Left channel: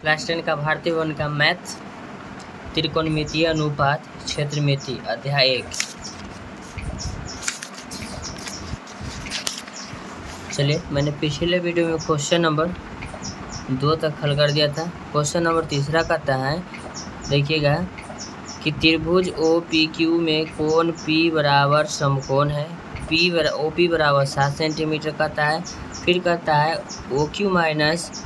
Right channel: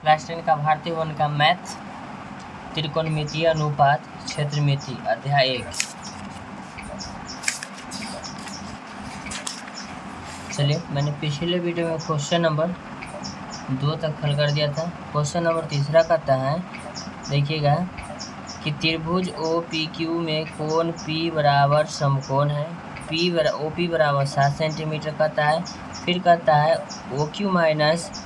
Class 10 का भारतीय one का मैथ त्रिकोणमितीय अनुपात क्षेत्रमिति अध्याय 1। चलिए, मैंने पिछले वीडियो में क्वेश्चन नंबर 2 तक हल कर दिया था। क्वेश्चन नंबर 3 कहता है, देखिएगा कि त्रिभुज ओ पी क्यू में कोण P बराबर समकोण है। ओ पी बराबर 7 सेंटीमीटर कहता है। फिर कहता है O Q minus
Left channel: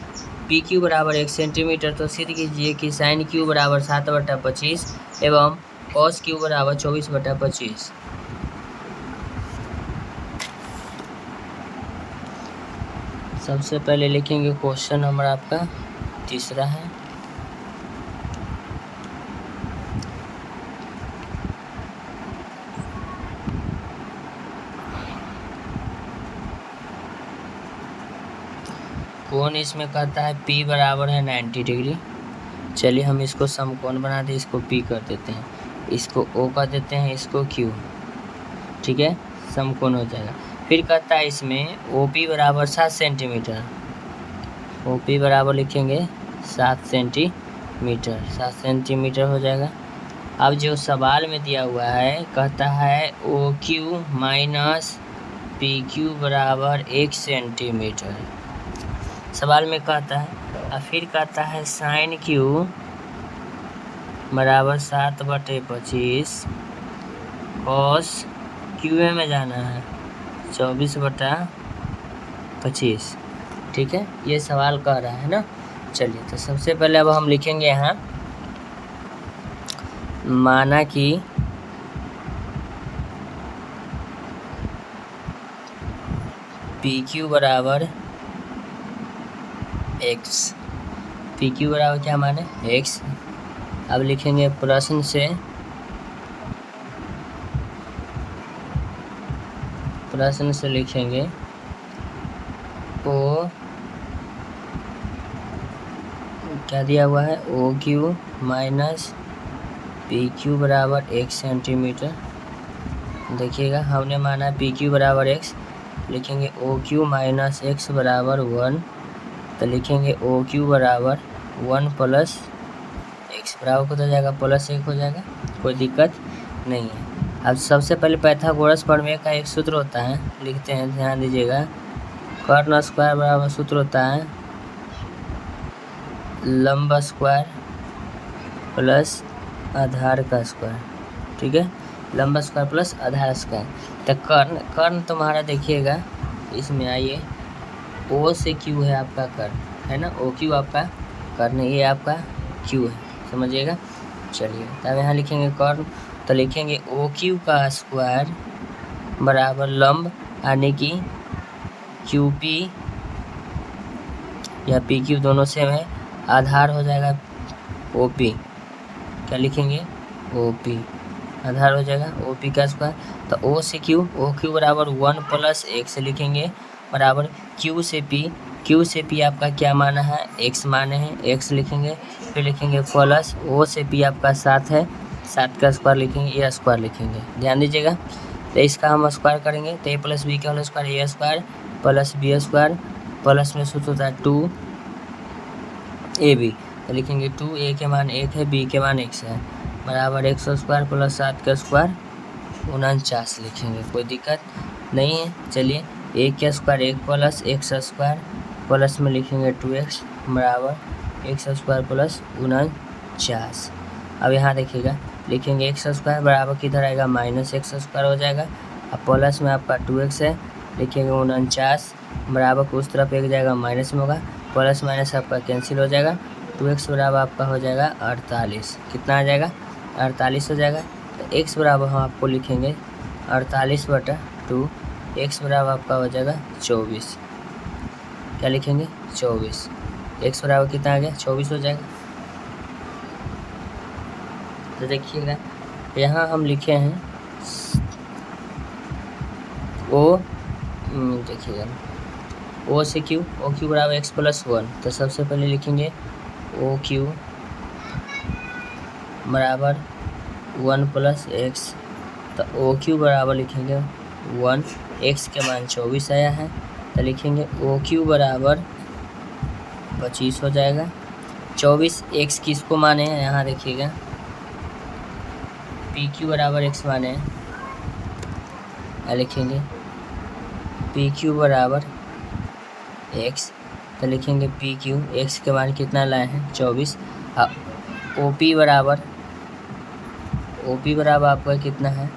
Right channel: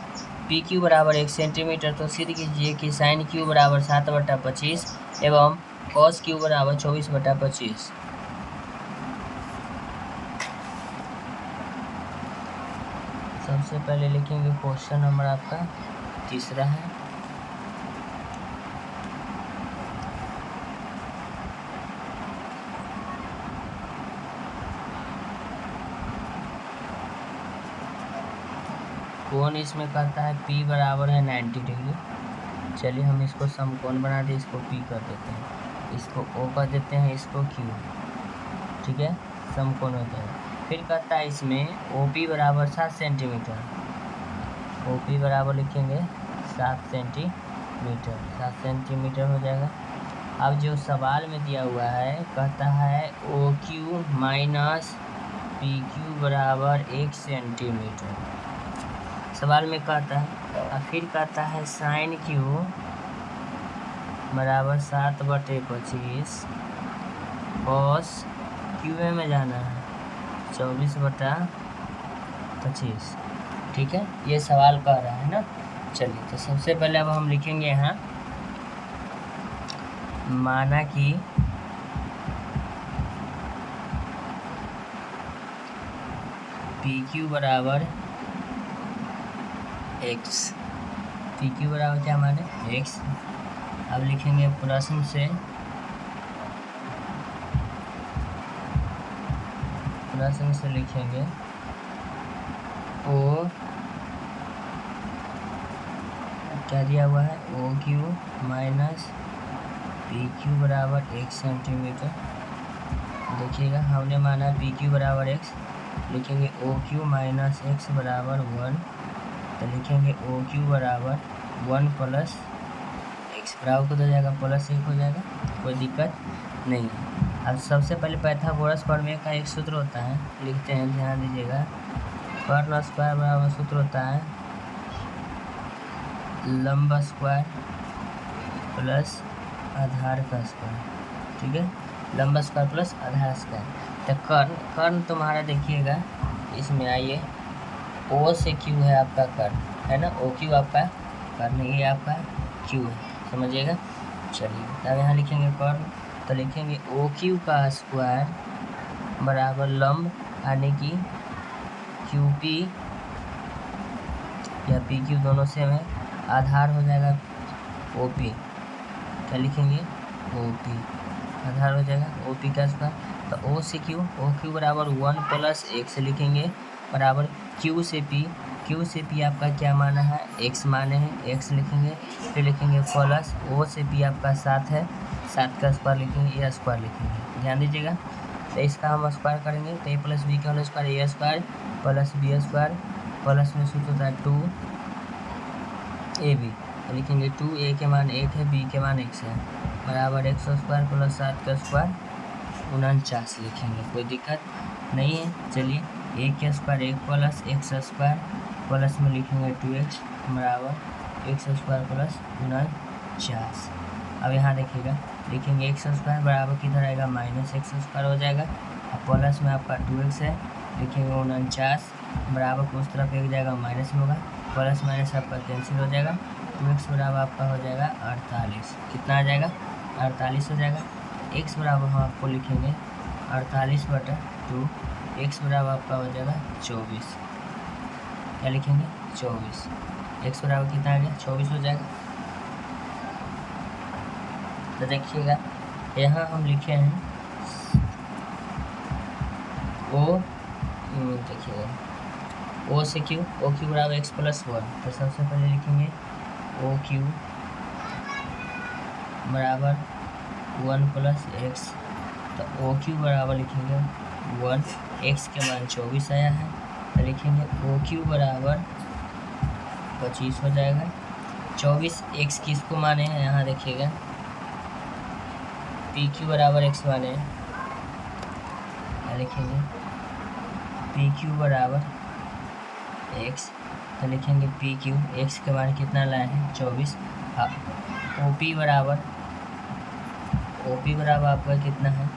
P Q बराबर 1 सेंटीमीटर। तो सिद्ध कीजिए कि साइन क्यू बराबर 7/25 एवं कॉस क्यू बराबर 24/25। सबसे पहले लिखेंगे क्वेश्चन नंबर आपका 3 है। कोण इसमें कहता है P बराबर है 90 डिग्री। चलिए, हम इसको समकोण बना दें, इसको P कर देते हैं, इसको O कर देते हैं, इसको Q। ठीक है, समकोण हो जाएगा। फिर कहता है इसमें OP बराबर 7 सेंटीमीटर। OP बराबर लिखेंगे 7 सेंटीमीटर। 7 सेंटीमीटर हो जाएगा। अब जो सवाल में दिया हुआ है, कहता है OQ माइनस PQ बराबर 1 सेंटीमीटर। सवाल में कहता है, और फिर कहता है साइन क्यू बराबर 7/25 कॉस क्यू में जाना है 24/25। ठीक है, ये सवाल कह रहा है ना। चलिए, तो सबसे पहले अब हम लिखेंगे यहाँ, माना कि PQ बराबर x। PQ बराबर क्या माने x। अब लिखेंगे प्रश्न से लिखेंगे ओ क्या दिया हुआ है, OQ माइनस PQ बराबर 1 सेंटीमीटर। देखिएगा, हमने माना PQ बराबर x, लिखेंगे OQ माइनस x बराबर 1। तो लिखेंगे OQ बराबर 1 प्लस x बराबर को हो जाएगा +1 हो जाएगा, कोई दिक्कत नहीं है। अब सबसे पहले पाइथागोरस प्रमेय का एक सूत्र होता है, लिखते हैं, ध्यान दीजिएगा। कर्ण स्क्वायर बराबर सूत्र होता है लंब स्क्वायर प्लस आधार का स्क्वायर। ठीक है, लंब स्क्वायर प्लस आधार स्क्वायर। तो कर्ण तुम्हारा देखिएगा, इसमें आइए, O से Q है आपका कर्ण, है ना। OQ आपका कर्ण, ये आपका Q है, समझिएगा। चलिए, तब यहाँ लिखेंगे कर्ण, तो लिखेंगे OQ का स्क्वायर बराबर लंब यानी कि QP या PQ दोनों सेम है, आधार हो जाएगा OP। क्या लिखेंगे, OP आधार हो जाएगा OP का स्क्वायर। तो O से Q, OQ बराबर 1 प्लस x लिखेंगे बराबर Q से P आपका क्या माना है, x माने हैं, x लिखेंगे। फिर लिखेंगे प्लस O से P आपका 7 है, 7 का स्क्वायर लिखेंगे, ये स्क्वायर लिखेंगे, ध्यान दीजिएगा। तो इसका हम स्क्वायर करेंगे, तो a प्लस बी का whole square, A square plus B square, plus में सूत्र होता है 2ab। तो लिखेंगे 2a के मान 1 है, b के मान x है, बराबर x स्क्वायर प्लस 7 का स्क्वायर 49 लिखेंगे, कोई दिक्कत नहीं है। चलिए, 1 का square 1 plus x square plus में लिखेंगे 2x बराबर x स्क्वायर प्लस 49। अब यहाँ देखिएगा, लिखेंगे x स्क्वायर बराबर किधर आएगा, माइनस x स्क्वायर हो जाएगा। अब प्लस में आपका 2x है, लिखेंगे 49 बराबर को उस तरफ एक जाएगा, माइनस में होगा, प्लस माइनस आपका कैंसिल हो जाएगा। 2x बराबर आपका हो जाएगा 48। कितना आ जाएगा, 48 हो जाएगा। तो x बराबर हम आपको लिखेंगे 48/2, x बराबर आपका हो जाएगा 24। क्या लिखेंगे, 24। x बराबर कितना आ गया, 24 हो जाएगा। तो देखिएगा, यहाँ हम लिखे हैं देखिएगा O से Q, OQ बराबर x प्लस 1। तो सबसे पहले लिखेंगे OQ बराबर 1 प्लस x। तो OQ बराबर लिखेंगे 1, x के मान 24 आया है, तो लिखेंगे OQ बराबर 25 हो जाएगा। 24 x किसको माने हैं, यहाँ देखिएगा पी क्यू बराबर x माने हैं, लिखेंगे पी क्यू बराबर x, तो लिखेंगे पी क्यू x के मान कितना लाए हैं 24। ओ पी बराबर आपका कितना है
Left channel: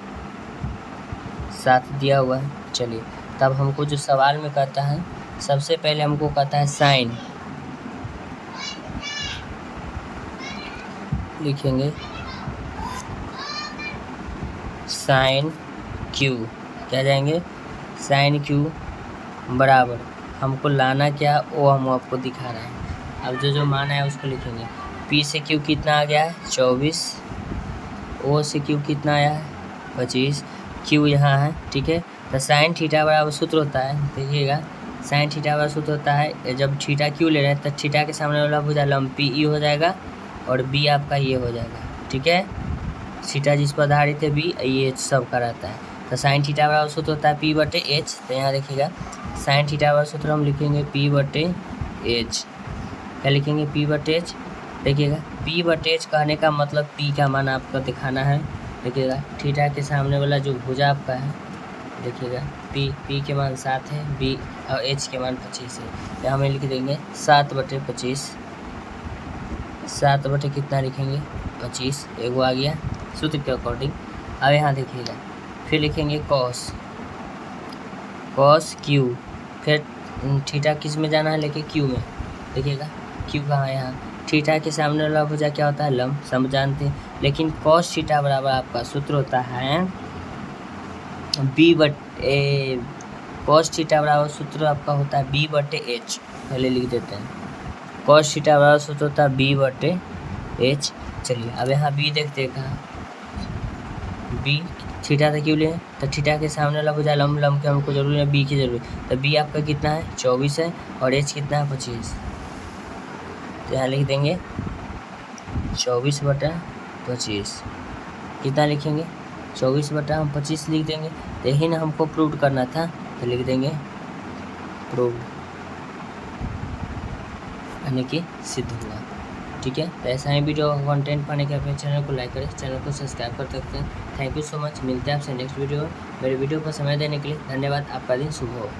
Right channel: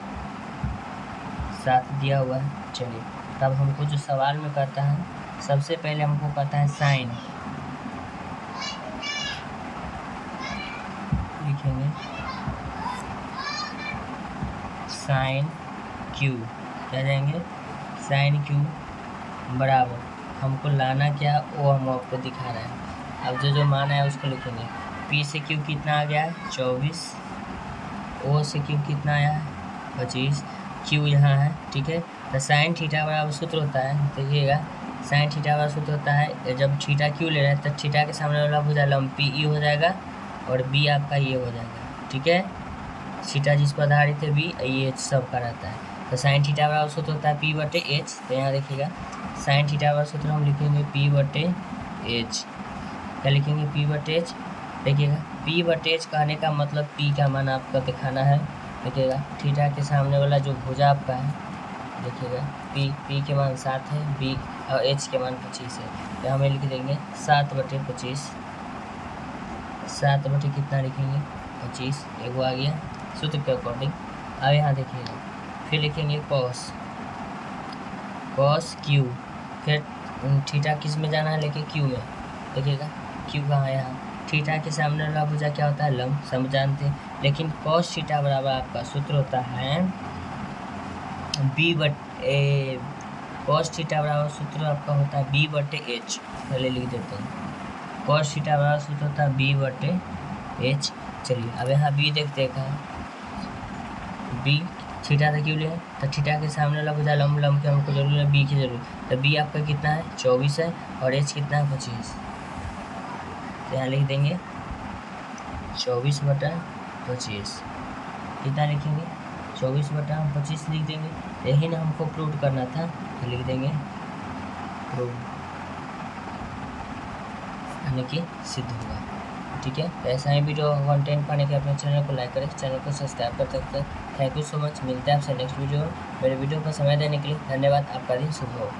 7 दिया हुआ है। चलिए तब हमको जो सवाल में कहता है, सबसे पहले हमको कहता है साइन, लिखेंगे साइन क्यू, क्या जाएंगे साइन क्यू बराबर, हमको लाना क्या वो हम आपको दिखा रहे हैं। अब जो मान है उसको लिखेंगे, पी से क्यू कितना आ गया है 24, ओ से क्यू कितना आया है 25, क्यू यहाँ है, ठीक है। तो साइन थीटा बराबर सूत्र होता है, देखिएगा साइन थीटा बराबर सूत्र होता है, जब थीटा क्यू ले रहे हैं तो थीटा के सामने वाला भुजा लंब पी ई हो जाएगा और बी आपका ये हो जाएगा, ठीक है। थीटा जिस पर आधारित है बी, ये सब का रहता है। तो साइन थीटा बराबर सूत्र होता है पी बटे एच, तो यहाँ देखिएगा साइन थीटा बराबर सूत्र हम लिखेंगे पी बटे एच, क्या लिखेंगे पी बटे एच। देखिएगा पी बटे एच कहने का मतलब पी का मान आपका दिखाना है, देखिएगा थीटा के सामने वाला जो भुजा आपका है, देखिएगा पी के मान 7 है, बी और एच के मान 25 है, तो हमें लिख देंगे 7 बटे 25, 7 बटे कितना लिखेंगे 25, एगो आ गया सूत्र के अकॉर्डिंग। अब यहाँ देखिएगा फिर लिखेंगे कॉस क्यू, फिर थीटा किस में जाना है लेके क्यू में, देखिएगा क्यू कहाँ है यहाँ, थीटा के सामने वाला भुजा क्या होता है लंब, सब जानते हैं। लेकिन कॉस थीटा बराबर आपका सूत्र होता है बी बटे, कॉस थीटा बराबर सूत्र आपका होता है बी बटे एच, पहले लिख देते हैं कॉस थीटा बराबर सूत्र होता है बी बटे एच। चलिए अब यहाँ बी देखते हैं कहाँ, बी थीटा से क्यों लें, तो थीटा के सामने वाला भुजा लंब के हमको जरूर है, बी की जरूरत, तो बी आपका कितना है 24 है और एच कितना है 25, तो यहाँ लिख देंगे 24 बटा 25, कितना लिखेंगे 24 बटा हम 25 लिख देंगे, यही ना हमको प्रूव करना था, तो लिख देंगे प्रूव, यानी कि सिद्ध हुआ, ठीक है। तो ऐसा ही वीडियो कंटेंट पाने के अपने चैनल को लाइक करें, चैनल को सब्सक्राइब कर सकते हैं। थैंक यू सो मच, मिलते हैं आपसे नेक्स्ट वीडियो में। मेरे वीडियो पर समय देने के लिए धन्यवाद, आपका दिन शुभ हो।